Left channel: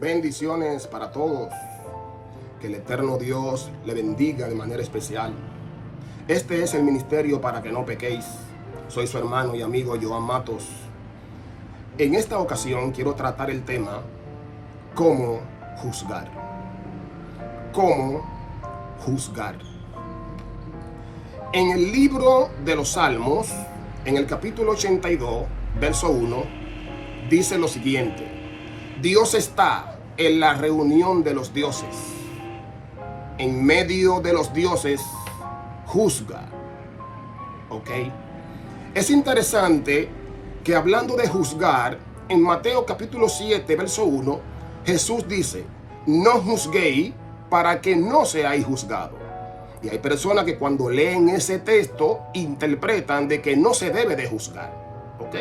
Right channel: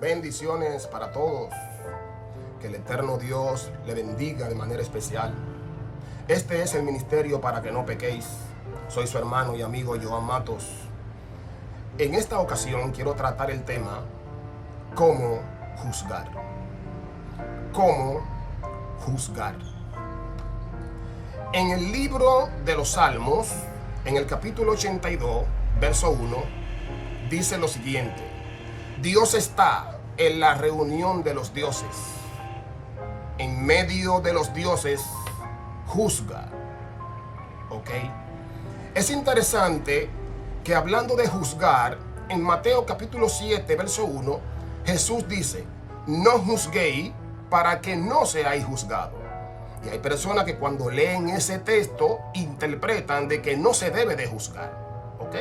Bendiciones para todos. Que el eterno Dios le bendiga de manera especial. Este es el ministerio para que no pequéis. Soy su hermano y amigo Joan Matos. En esta ocasión quiero tratar el tema cómo juzgar. ¿Cómo juzgar? En el libro de los Salmos, en el capítulo 82, verso 1, dice lo siguiente: Dios está en la reunión de los dioses. En medio de los dioses juzga. ¿Ok? Es interesante que hablando de juzgar, en Mateo capítulo 7, verso 1, Jesús dice: no juzguéis para que no seáis juzgados. Y hay personas que cuando leen ese texto interpretan de que no se debe de juzgar. ¿Ok?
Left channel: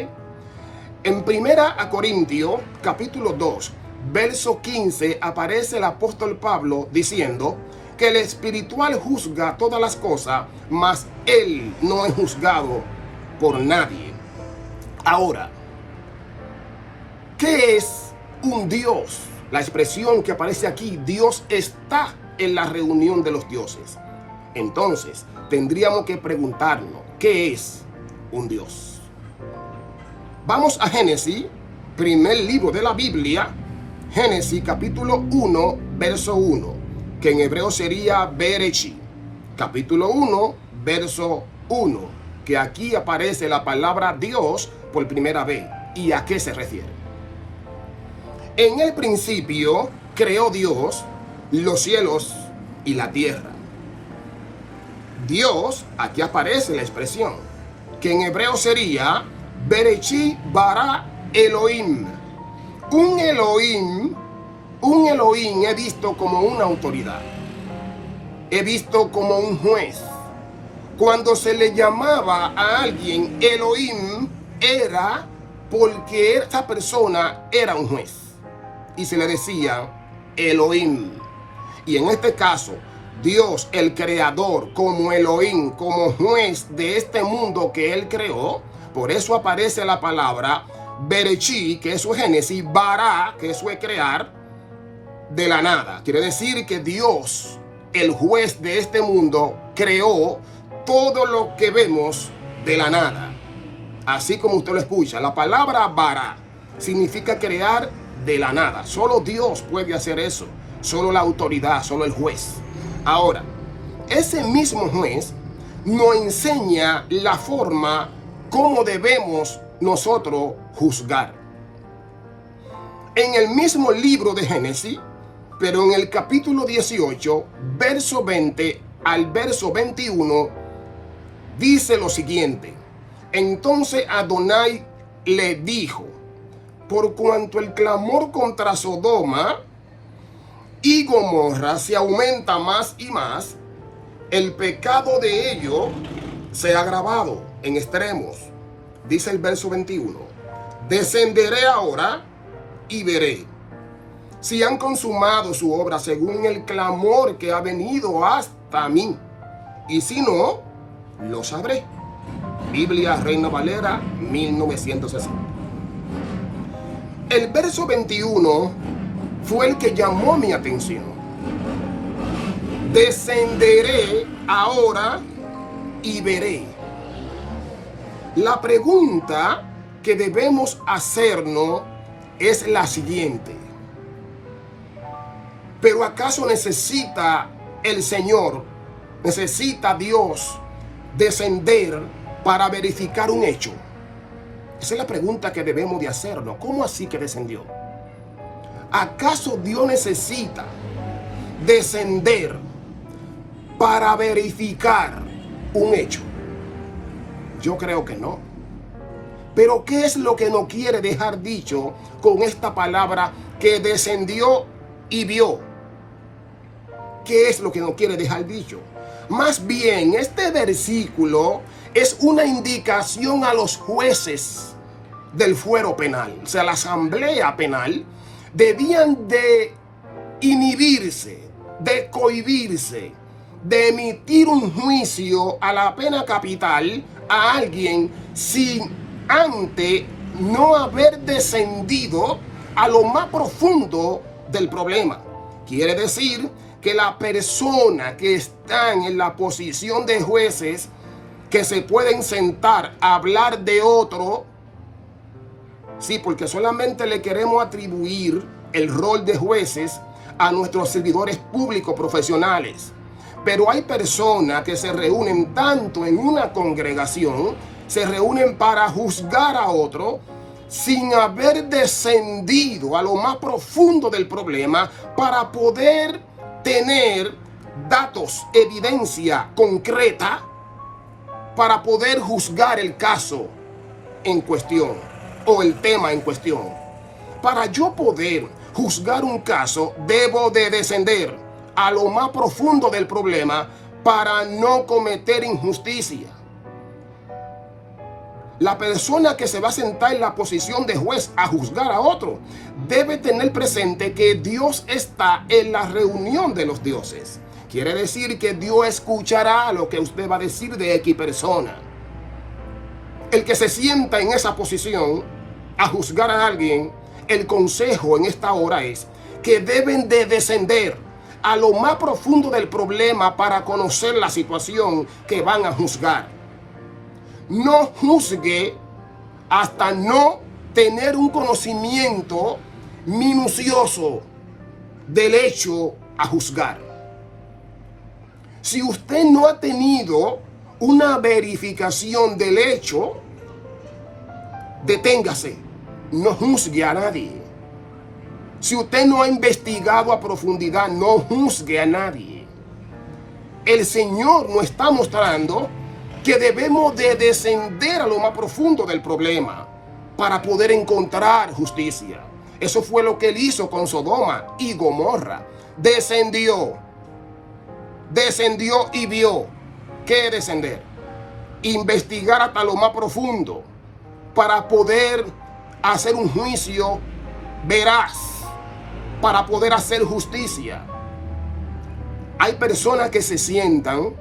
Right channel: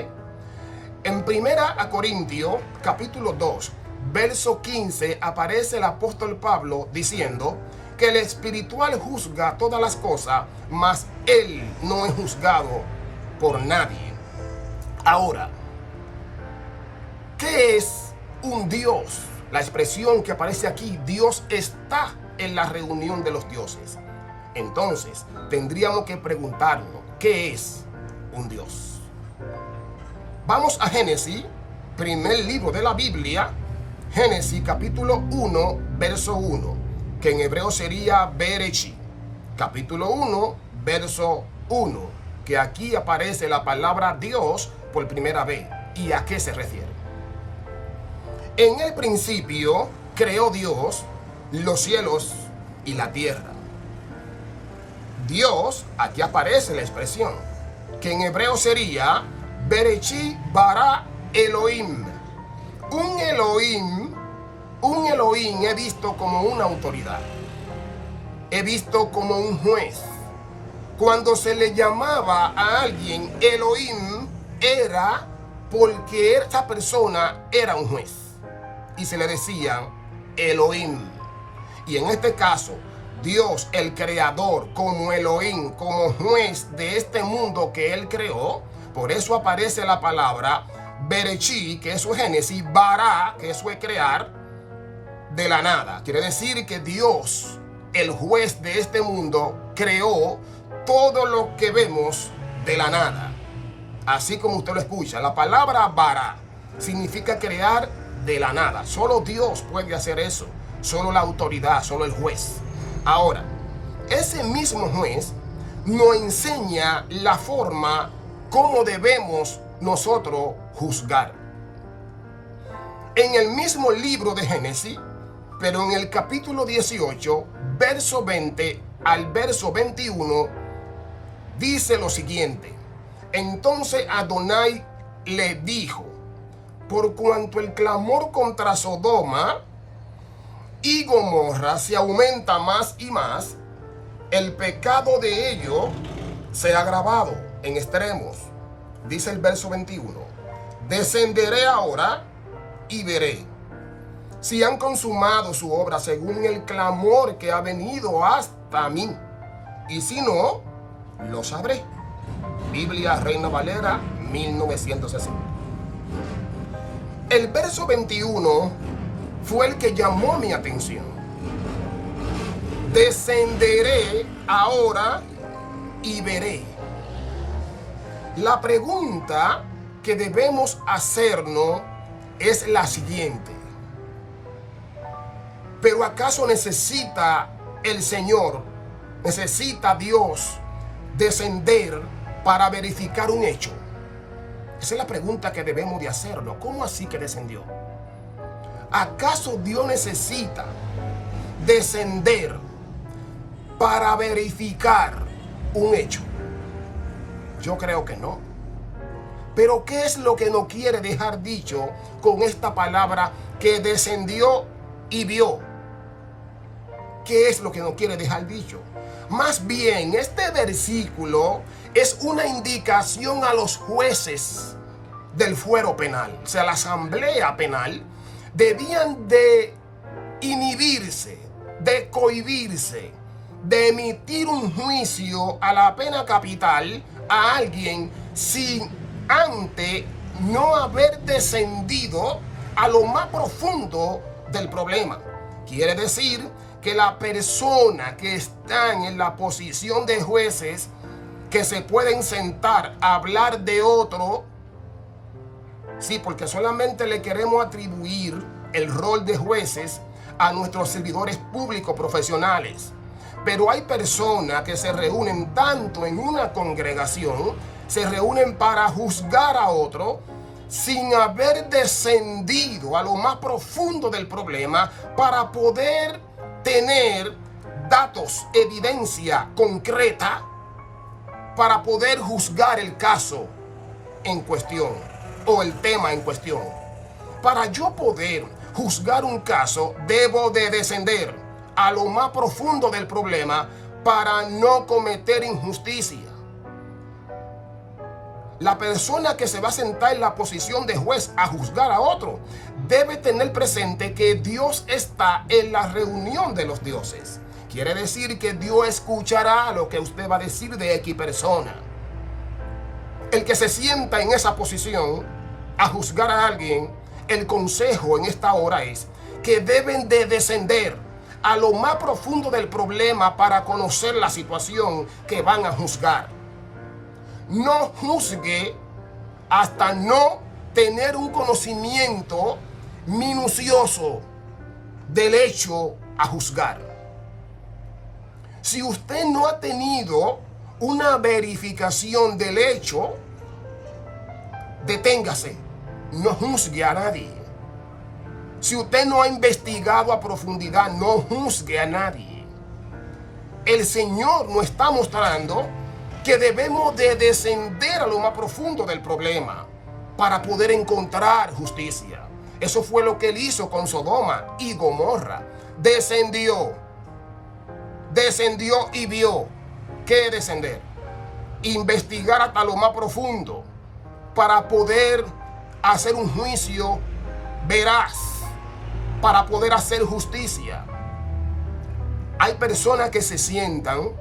En 1 Corintios capítulo 2, verso 15, aparece el apóstol Pablo diciendo que el espiritual juzga todas las cosas, mas él no es juzgado por nadie. Ahora, ¿qué es un Dios? La expresión que aparece aquí, Dios está en la reunión de los dioses. Entonces, tendríamos que preguntarnos, ¿qué es un Dios? Vamos a Génesis, primer libro de la Biblia, Génesis capítulo 1, verso 1, que en hebreo sería Bereshit. Capítulo 1, verso 1, que aquí aparece la palabra Dios por primera vez. ¿Y a qué se refiere? En el principio creó Dios los cielos y la tierra. Dios, aquí aparece la expresión, que en hebreo sería Bereshit bara Elohim. Un Elohim he visto como una autoridad. He visto como un juez. Cuando se le llamaba a alguien Elohim, era porque esa persona era un juez. Y se le decía Elohim. Y en este caso, Dios, el creador, como Elohim, como juez de este mundo que él creó, por eso aparece la palabra Bereshit, que eso es Génesis, bara, que eso es crear, de la nada. Quiere decir que Dios, el juez de este mundo, creó todo lo que vemos de la nada. Así como usted lo escucha, la palabra bara significa crear de la nada. Solo Dios puede hacer eso. Solo la autoridad, solo el juez. Ahora, ese mismo juez nos enseña la forma como debemos nosotros juzgar. En el mismo libro de Génesis, pero en el capítulo 18, verso 20 al verso 21, dice lo siguiente: entonces Adonai le dijo, por cuanto el clamor contra Sodoma y Gomorra se aumenta más y más, el pecado de ellos se ha agravado en extremos. Dice el verso 21, descenderé ahora y veré si han consumado su obra según el clamor que ha venido hasta mí, y si no, lo sabré. Biblia Reina Valera 1960. El verso 21 fue el que llamó mi atención. Descenderé ahora y veré. La pregunta que debemos hacernos es la siguiente: ¿pero acaso necesita el Señor, necesita Dios descender para verificar un hecho? Esa es la pregunta que debemos de hacernos. ¿Cómo así que descendió? ¿Acaso Dios necesita descender para verificar un hecho? Yo creo que no. Pero ¿qué es lo que nos quiere dejar dicho con esta palabra que descendió y vio? ¿Qué es lo que nos quiere dejar dicho? Más bien, este versículo es una indicación a los jueces del fuero penal. O sea, la asamblea penal debían de inhibirse, de cohibirse, de emitir un juicio a la pena capital a alguien sin antes no haber descendido a lo más profundo del problema. Quiere decir que la persona que está en la posición de jueces, que se pueden sentar a hablar de otro, sí, porque solamente le queremos atribuir el rol de jueces a nuestros servidores públicos profesionales. Pero hay personas que se reúnen tanto en una congregación, se reúnen para juzgar a otro, sin haber descendido a lo más profundo del problema para poder tener datos, evidencia concreta para poder juzgar el caso en cuestión o el tema en cuestión. Para yo poder juzgar un caso, debo de descender a lo más profundo del problema para no cometer injusticia. La persona que se va a sentar en la posición de juez a juzgar a otro debe tener presente que Dios está en la reunión de los dioses. Quiere decir que Dios escuchará lo que usted va a decir de X persona. El que se sienta en esa posición a juzgar a alguien, el consejo en esta hora es que deben de descender a lo más profundo del problema para conocer la situación que van a juzgar. No juzgue hasta no tener un conocimiento minucioso del hecho a juzgar. Si usted no ha tenido una verificación del hecho, deténgase, no juzgue a nadie. Si usted no ha investigado a profundidad, no juzgue a nadie. El Señor nos está mostrando que debemos de descender a lo más profundo del problema para poder encontrar justicia. Eso fue lo que él hizo con Sodoma y Gomorra. Descendió y vio. ¿Qué descender? Investigar hasta lo más profundo para poder hacer un juicio veraz, para poder hacer justicia. Hay personas que se sientan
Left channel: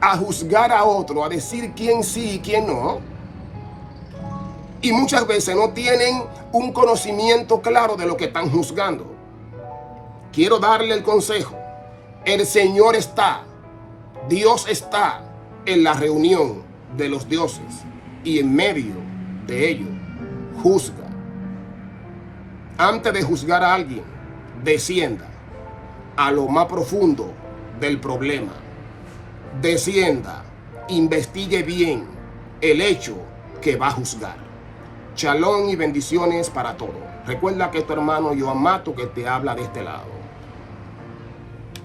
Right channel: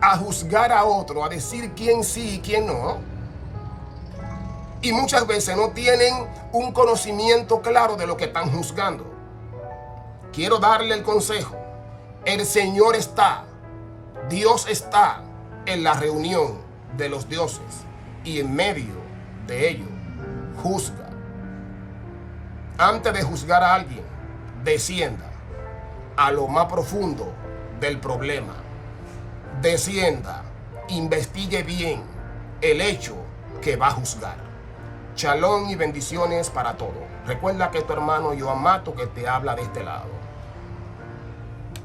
a juzgar a otro, a decir quién sí y quién no, y muchas veces no tienen un conocimiento claro de lo que están juzgando. Quiero darle el consejo. El Señor está, Dios está en la reunión de los dioses y en medio de ello juzga. Antes de juzgar a alguien, descienda a lo más profundo del problema. Descienda, investigue bien el hecho que va a juzgar. Shalom y bendiciones para todos. Recuerda que tu hermano Joan Mato que te habla de este lado.